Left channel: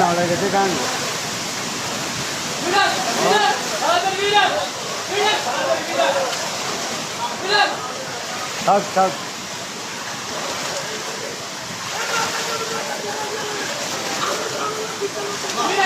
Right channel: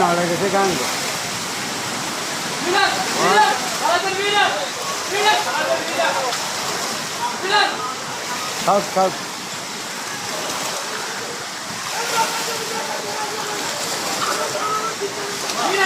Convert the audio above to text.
നാളെ കെട്ടി കാണുക सब सब